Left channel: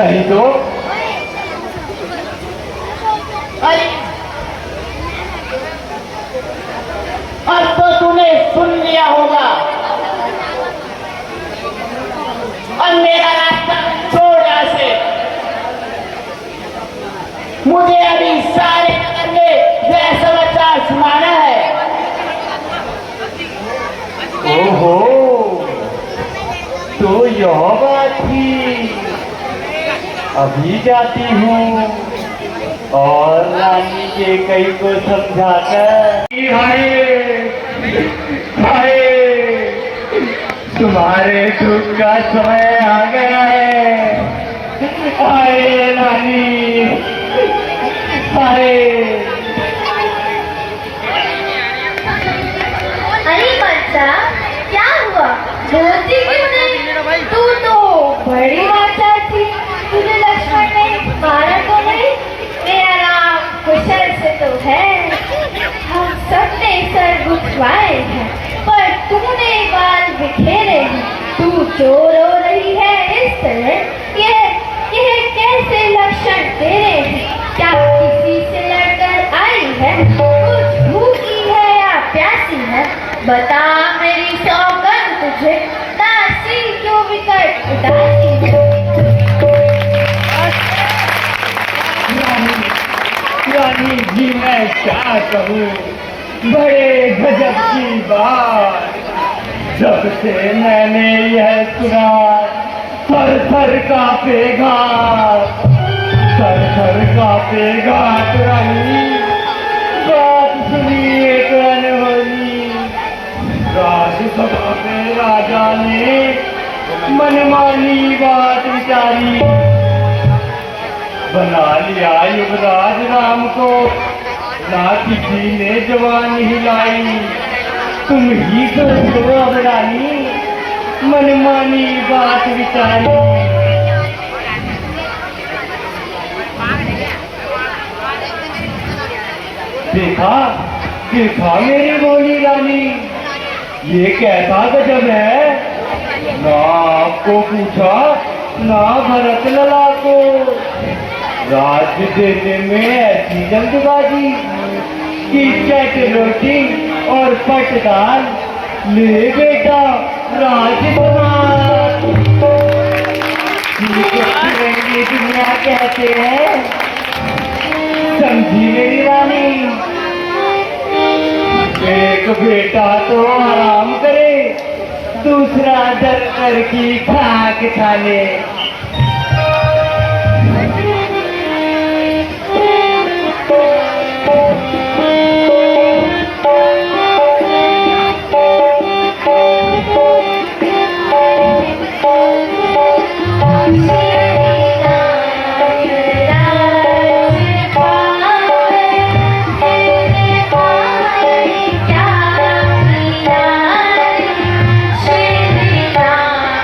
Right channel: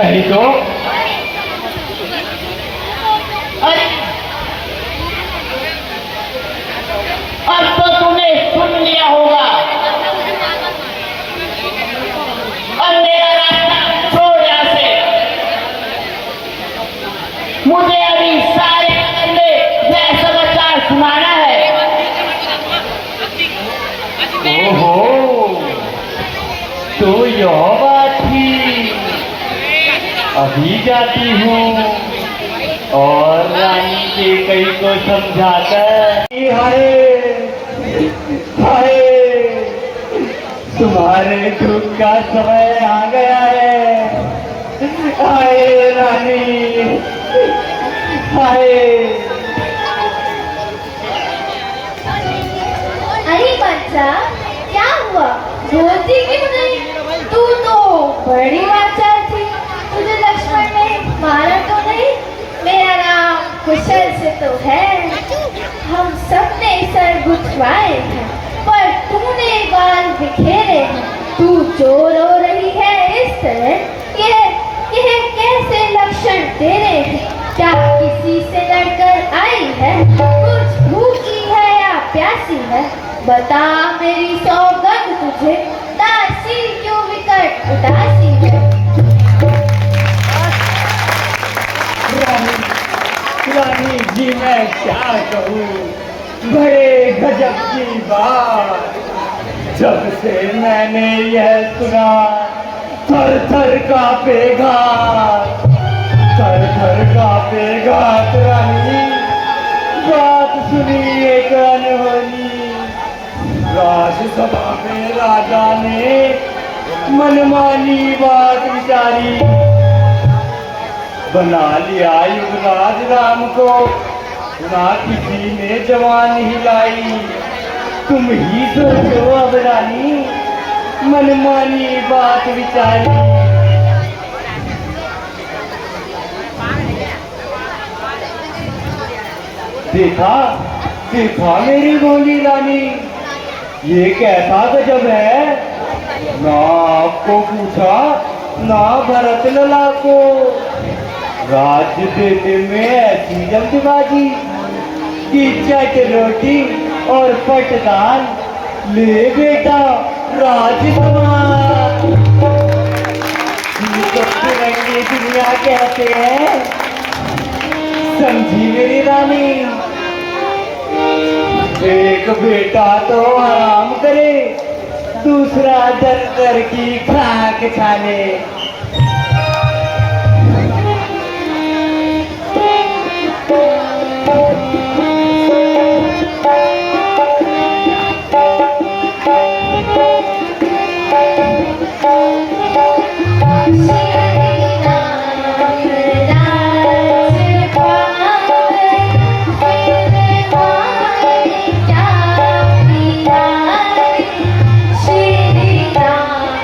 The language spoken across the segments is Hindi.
नहीं तो अरे अब तो तूने सुन लिया होगा। अब मेरा रास्ता छोड़ यहाँ से। मुझे अभी सारे नगर में यह समाचार सुनाना है। ओहो, तो यह बात थी। अभी जाती हूँ और रानी के कई को समझाकर हाय हाय, तुम्हारे दुख का समय आ गया है। हाय रानी, हाय। अरे बच्चा, क्या हुआ? रोती क्यों नहीं? तू तो बड़ी अच्छा थी। तुझे लक्ष्मण ने मारा तो नहीं? मेरा नाम कुशल से तो है। हम सबने सर गुथवाए हैं, पर तूने बाल बिखेरे हैं। तू जो रो रही है इस तरह, यह कैसे लक्षण तेरे हैं? क्या किसी से लड़कर आई है? कुछ भूखी है या प्यासी है? बता मेरी सौगंध तुझे, दासी क्यों विकट उदासी है? रानी जी, मैं क्या कहूँ, बड़े गजब की बात। जब से मैंने यह सुना, थर थर कांपे घाट, थर थर कांपे घाट। रानी, बात सुनी एक अनबनी। राजसभा में राजा ने मनमानी बात विचारी, बना लिया युवराज राम को। ना किसी ने जवान हिलाई। तुम ही सोचो अब रानी, मनमानी बात विचारी। देखा देखा मेरी बोली रानी, ये कैसा गजब है। ना आपको पूछा, ना भरत लला को। राज्य देने में ऐसी जल्दबाजी कि चट रोटी और पटदान ले बेटा राज समान। तिरंगी दुनिया कहते हैं, समझी मेरी रानी। एक बेटा तो आराम करे, दूसरा दर दर की खाक छाने। श्री राम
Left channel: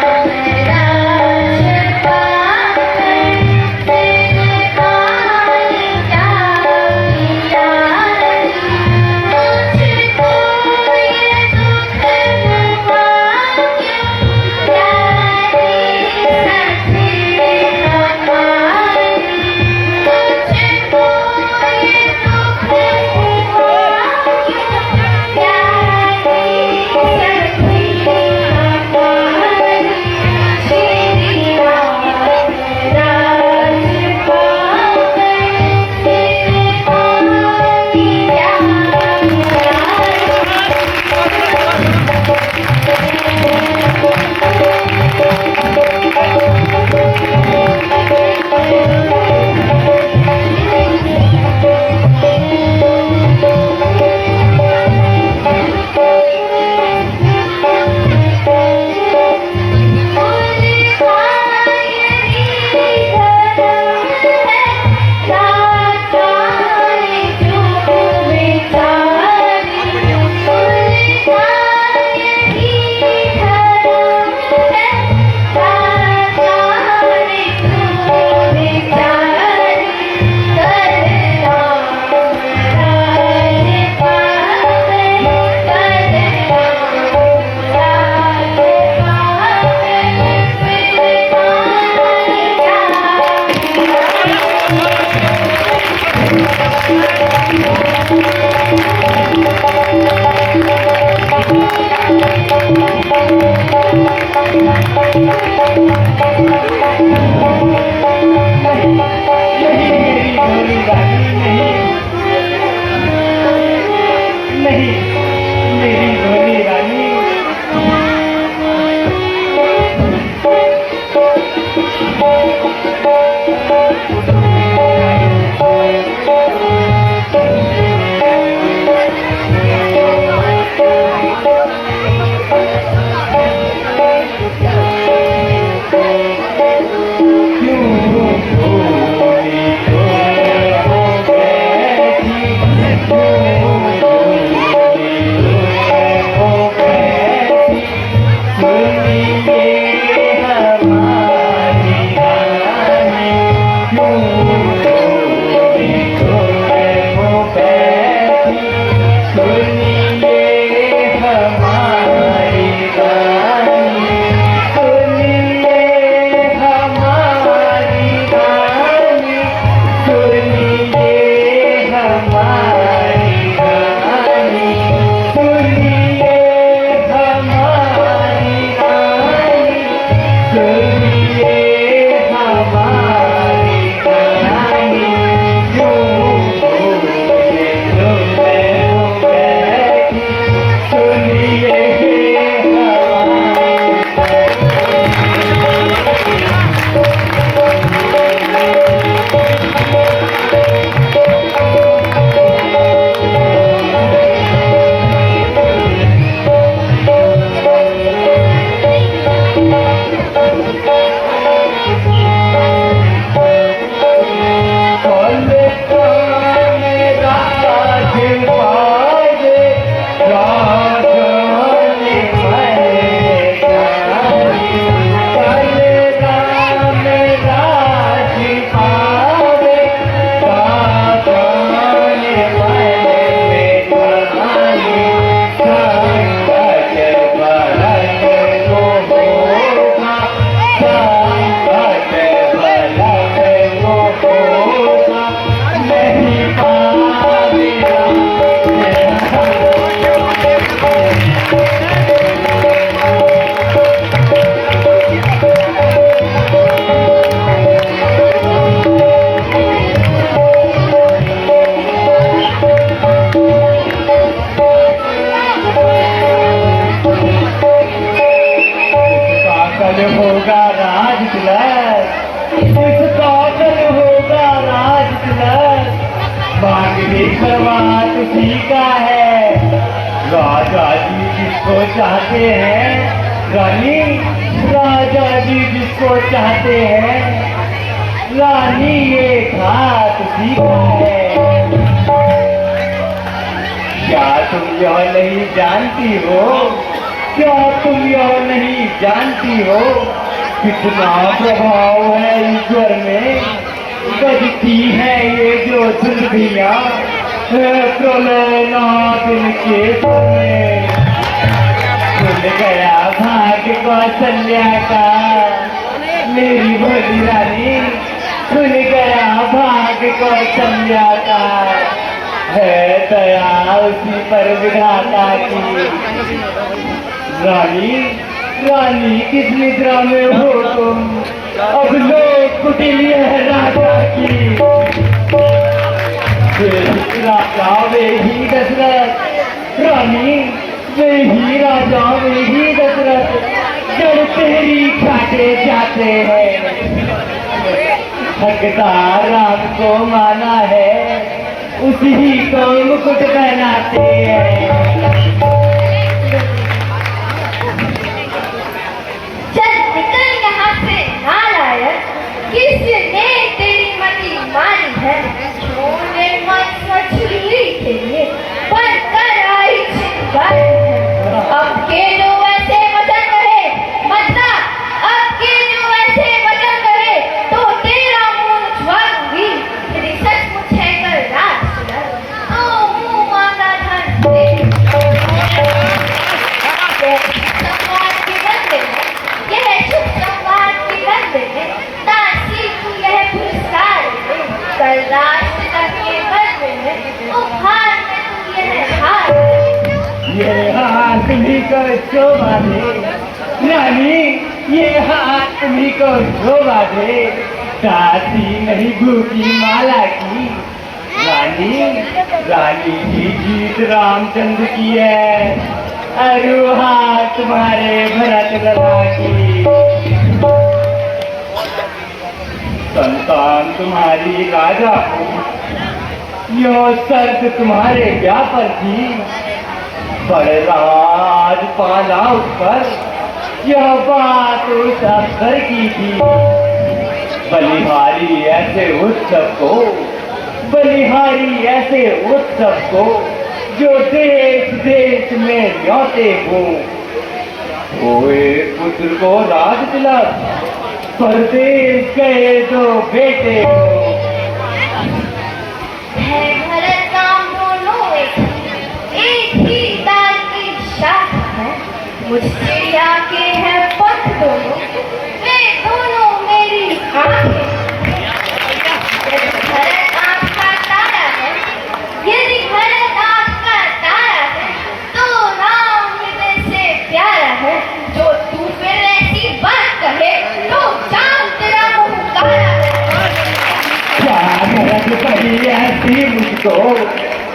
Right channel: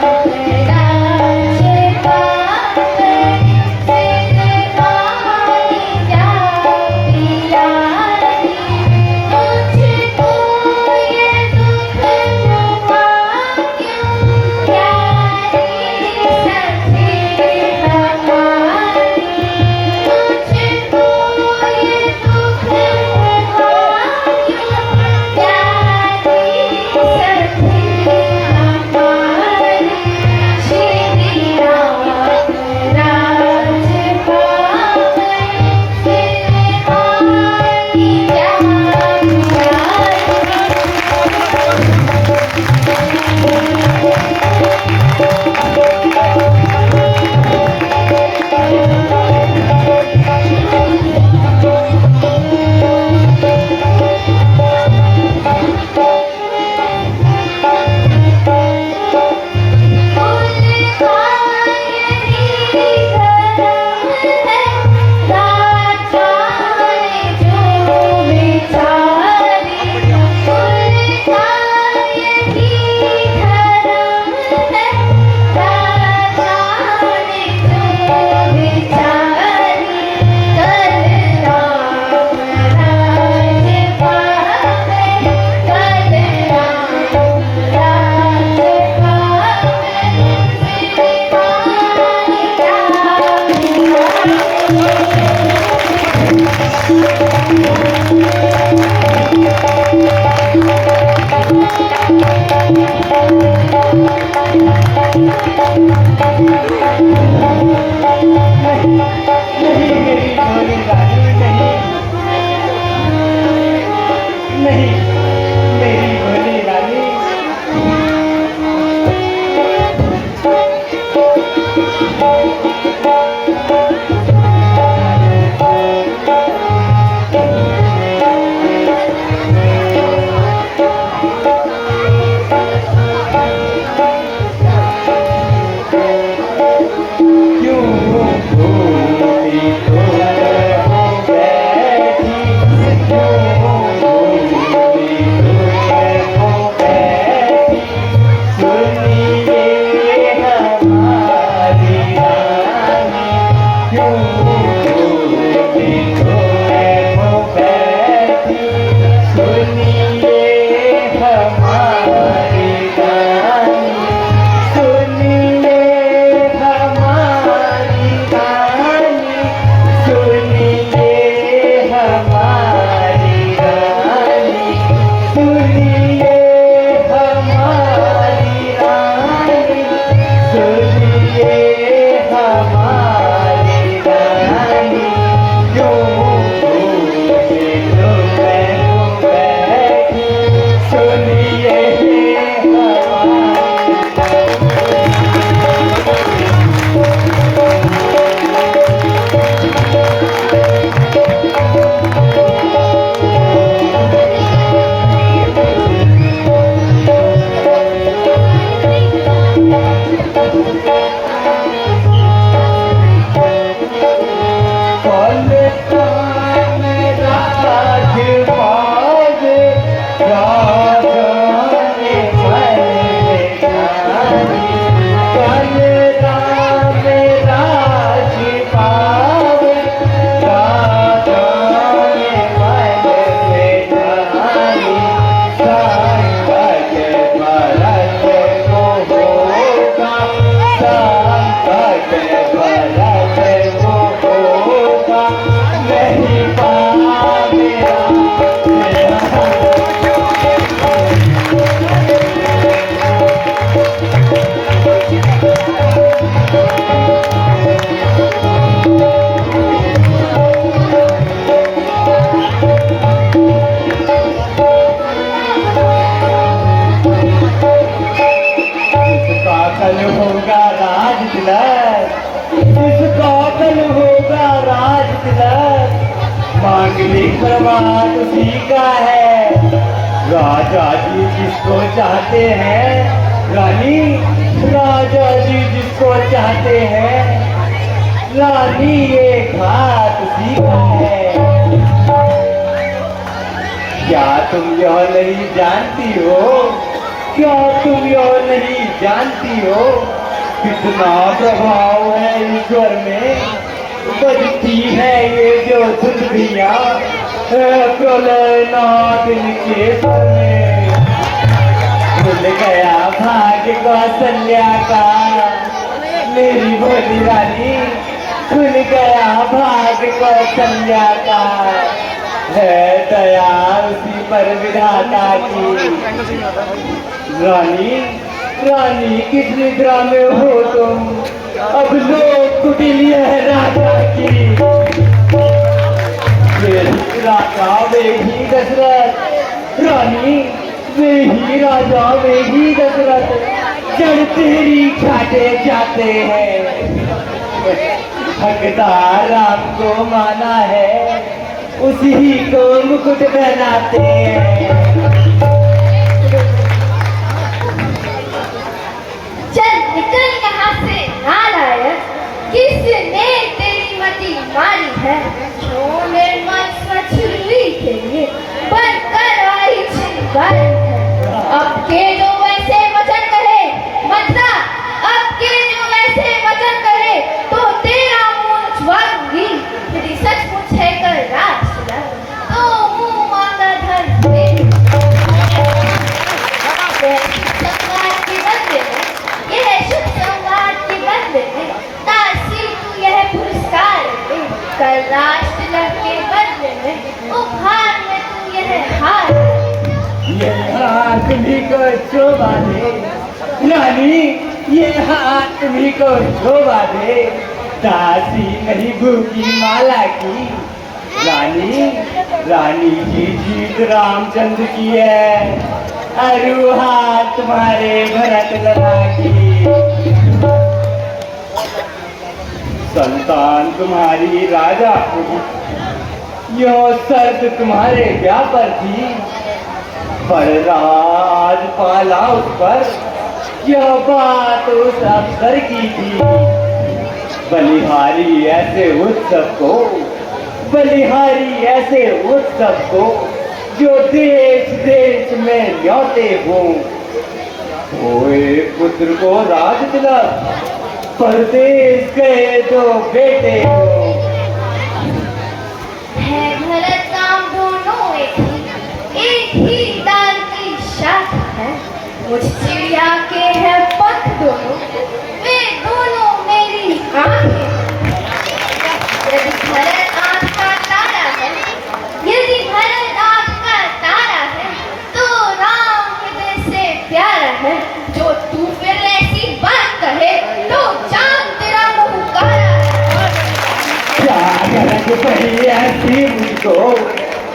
बात सीखा है। राजा जी जिसको चाहते हैं, रानी राजा जी जिसको चाहते हैं, रानी ये घात सीखा है। क्या तुम यह नहीं जानती हो, क्या तुम यह नहीं जानती हो कितना प्रभाव है ईश्वर में। बजती है ये जो धुंधियाँ प्रलयनाथ इनके सर में। भूल गया भाग्य कौशल्या का मेरी भोली रानी, भूल गया भाग्य कौशल्या का। है दया उसी पर विधाता की। रानी रानी किस निद्रा में हो तुम, अब लोग कुटिल है राजा की। राजा वे ही दशरथ, रानी वे ही राजा वे ही दशरथ, जड़ तेरी छाटे जाते हैं। भगता राम को माना है, उसी को मुकुट पहनाते हैं। चल निकल यहाँ से नालायक, किसने तेरी मति मारी है। छोड़ने मत मछली के लिए बनकर आई छिंदर है। अब के जो वैसे वचन कहे मतना, अब के जो वैसे वचन कहे तो तेरा मुंह छुआऊंगी। यदि सचमुच है कर राज तो मुंह मांगा धन दे। सम्मान के बदले में, यह शुभ सम्मान के बदले में तासी को यह पुरस्कार दे। कैलाश तिलक के बदले में उपहार में यह हार। ये हार तुम्ही को शोभा दे रानी, ये हाथ तुम्ही को शोभा दे, दासी नहीं भूखी माला की। रानी रानी की जीत रामचंद्र की है, अरु हाथ तुम्हारे भरत लला की। संतान तुम्हारी राजा को, यो शर्त तुम्हारे क्या पर थी, पर राज पाला उस पर, यह बात उस अफसर की थी। बलिहारी ऐसे उत्सव को, बलिहारी ऐसे उत्सव को, जो देश देश में न्योते हो। ओए पुत्र को राज तिलक, परदेश गए दो बेटे हो। है भरत नाम दोनों एक ही तार की शाखा है, मुझ चिड़िया के हैं पंख दोनों, वे दोनों मेरी आंखें। यदि भरत आपका तारा है, यदि भरत आपका तारा है, तो राम हृदय से प्यारा है। जो तू फिर ऐसी बात कहे, तो जान तेरा मुंह काला है। क्या गरज बही ऐसी मुझको,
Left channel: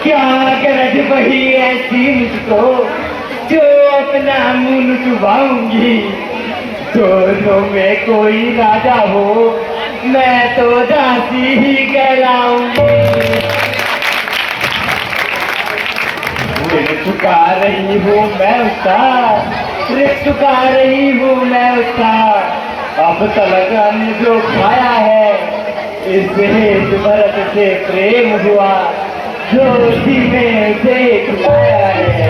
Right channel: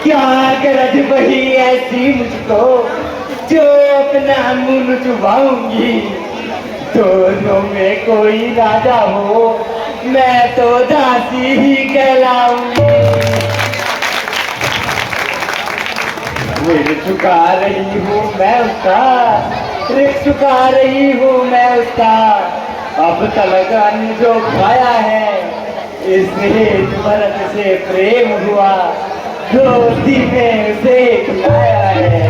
क्या गरज बही ऐसी मुझको, जो अपना मुंह चुबाऊंगी। दोनों में कोई राजा हो, मैं तो दासी ही कहलाऊंगी। ऋण चुका रही हूँ मैं उसका, ऋण चुका रही हूँ मैं उसका। अब तक अन्न जो खाया है, इससे भरत से प्रेम हुआ, दोस्ती में उसे खिलाया है।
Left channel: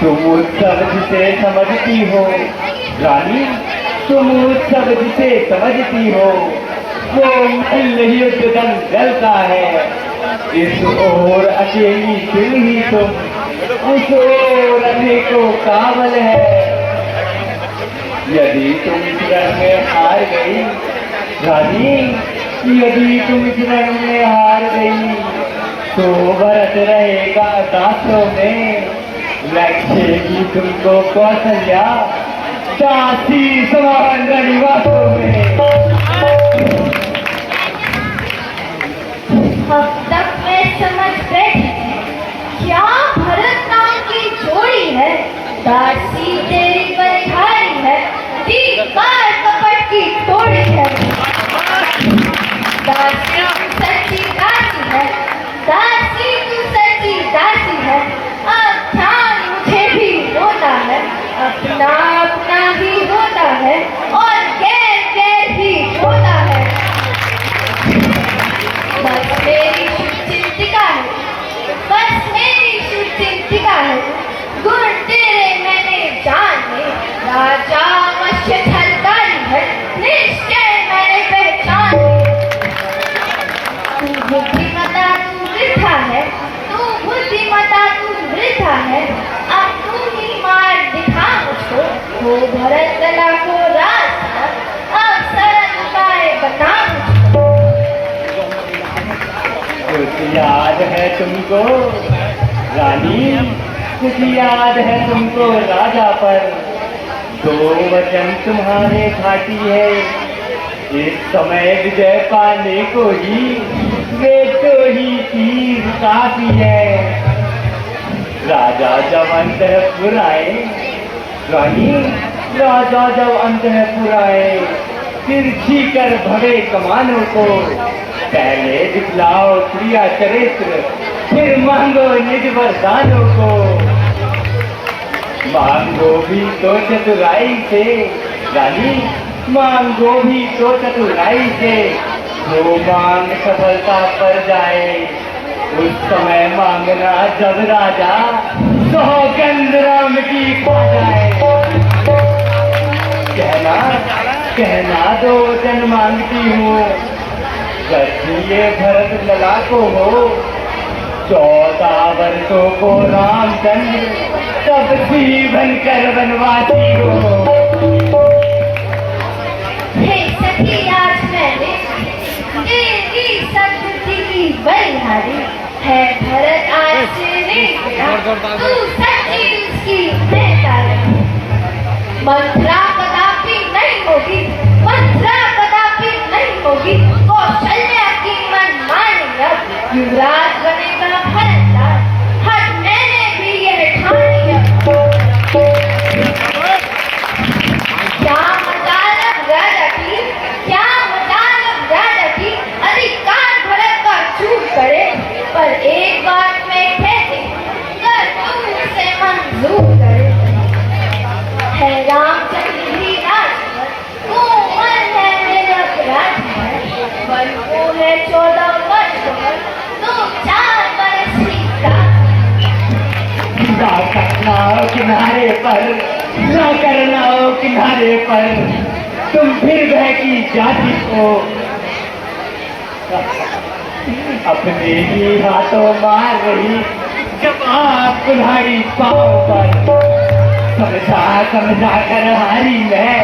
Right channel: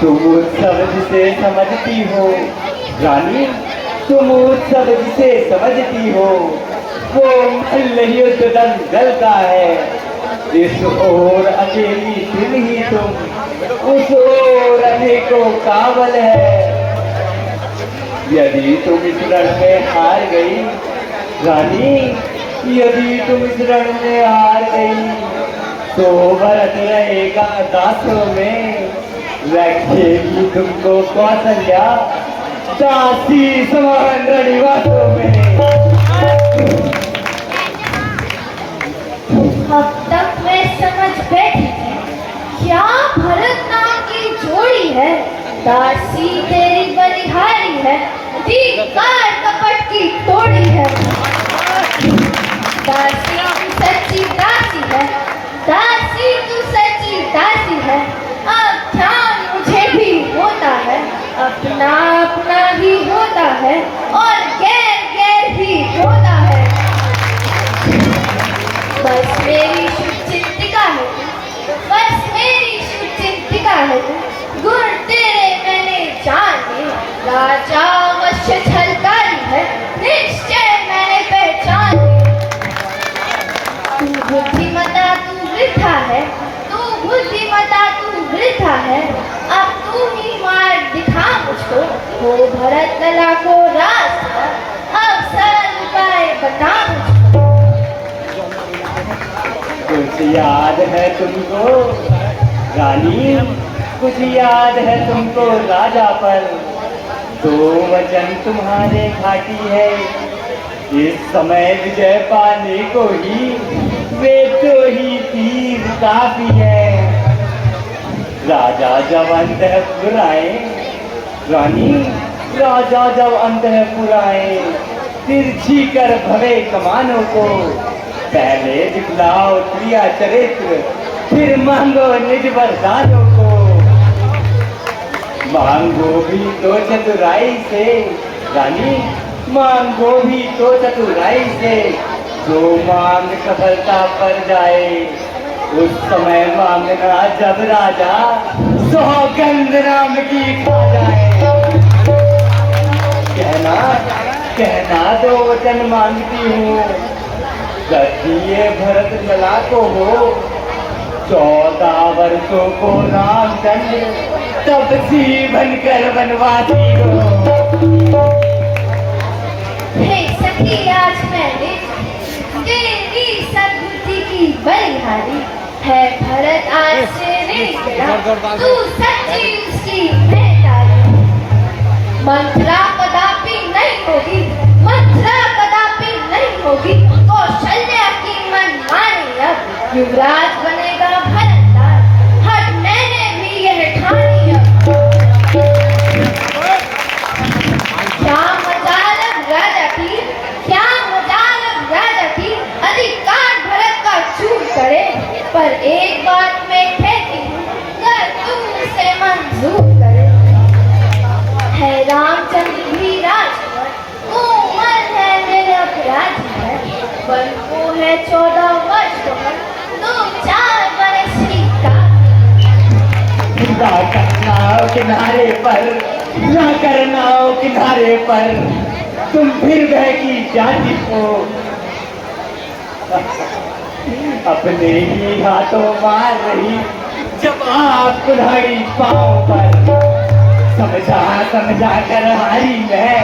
तुम उत्सव जिसे समझती हो रानी, तुम उत्सव जिसे समझती हो, वो नहीं उद्दन जलता है। इस ओर अकेली दिल ही तुम, उस ओर अनेकों काबल है। यदि तुम इस रण में हार गई रानी, यदि तुम इस रण में हार गई, तो भरत रहेगा दासों में, रखेगी तुमको कौशल्या दासी समान रणिवासों में। अब तक मैं समझ बैठी थी, क्या भरत नाम की जोड़ी है, दासी तेरी बलिहारी है, धिक्कार कपट की तोड़ी है। दासी तू सच्ची दासी है, दासी तू सच्ची दासी है। अब ध्यान मुझे भी होता है, अपना अपना ही होता है, और गैर गैर ही होता है। बस मेरी शुचिंतिका है, बस मेरी शुचिंतिका है। गुण तेरे मैंने जाने, राजा अवश्य झलकारी है, निश्चय मैंने पहचान ली। तू बुद्धिमता तू वृथा है, तू बुद्धिमता तू वृथा है। अब तू ही मार्ग दिखा मुझको, हो भरत कला को रास्ता, अब सरल उपाय बता मुझको। कुछ याद है तुमको रानी, कुछ याद है तुमको राजा पर, दो वचन तुम्हारे घाटी है। इस समय विजय पाने को ही वे तो ही तीर काफी है। राजा जब अंतःपुर आए रानी, राजा जब अंतःपुर आए, तिरछी कर भरे कमानों को, पहले दिखलाओ क्रिया चरित्र, फिर मांगो निज वरदानों को। मांगो भी तो चतुराई से रानी, मांगो भी तो चतुराई से, जो मांग सफलता पर जाए, उस समय मांगना जब राजा सौगंध राम की खा जाए। कहना दो वचन मांगती हूँ, ये भरत लला को हो, 14 वर्षों को रामचंद्र तब सी बनकर वनवासी हो। हे सखी आज मैंने तेरी सद्बुद्धि की बलिहारी है, भरत आज से ऋण तू सच्ची उसकी बेटा है। मंत्रा कदापि नहीं होगी, मंत्रा कदापि नहीं होगी, कौशल्या की मनमानी अब युवराज बनेगा भरतलाल। हर मैंने भी यह ठानी अब। क्या मजाल अब राजा की, क्या मजाल अब राजा की, अधिकार भरत का चूक करे, पर एक बात में ठहरी, कर तू उसे मंजूर करे। है रामचंद्र भी राजा, कोमल है निरप राजा है, बल को है 14 वर्ष का, तो 4 वर्ष ही ना करना हो किनारे पर, ना करना हो किनारे पर, तुम फिर बहकी जाती हो। अपने ही हाथों मार रही जब आप कुल्हाड़ी पाँव पर। समझा समझा कर हारी मैं,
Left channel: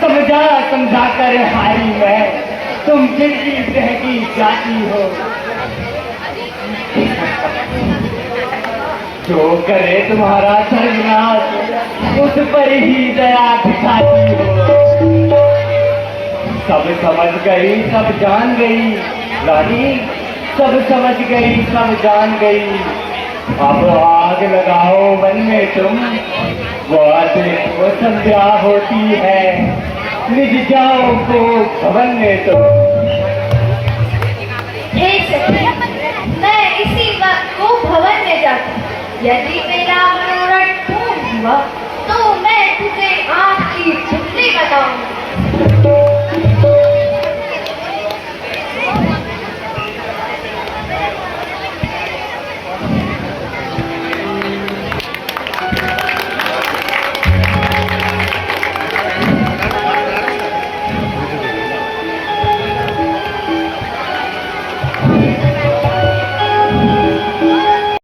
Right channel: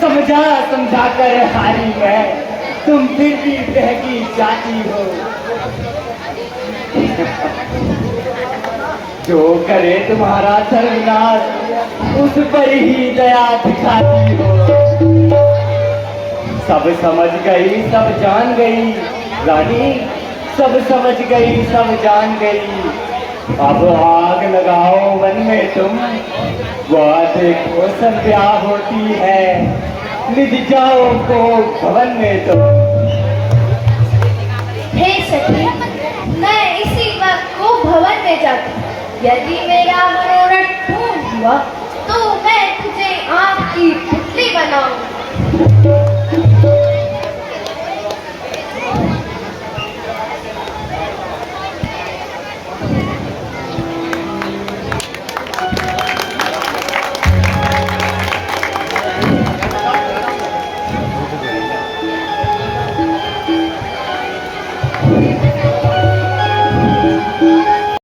समझा समझा कर हारी मैं, तुम फिर भी बहकी जाती हो। जो करे तुम्हारा सर्वनाश उस पर ही दया दिखाती हो। सब समझ गई सब जान गई रानी, सब समझ गई सब जान गई। अब आग लगाओ मन में तुम, वह देखो संध्या होती है, निज जाओ को भवन में तुम। हे सखी, मैं इसी वक्त को भवन में जाती, यदि मैं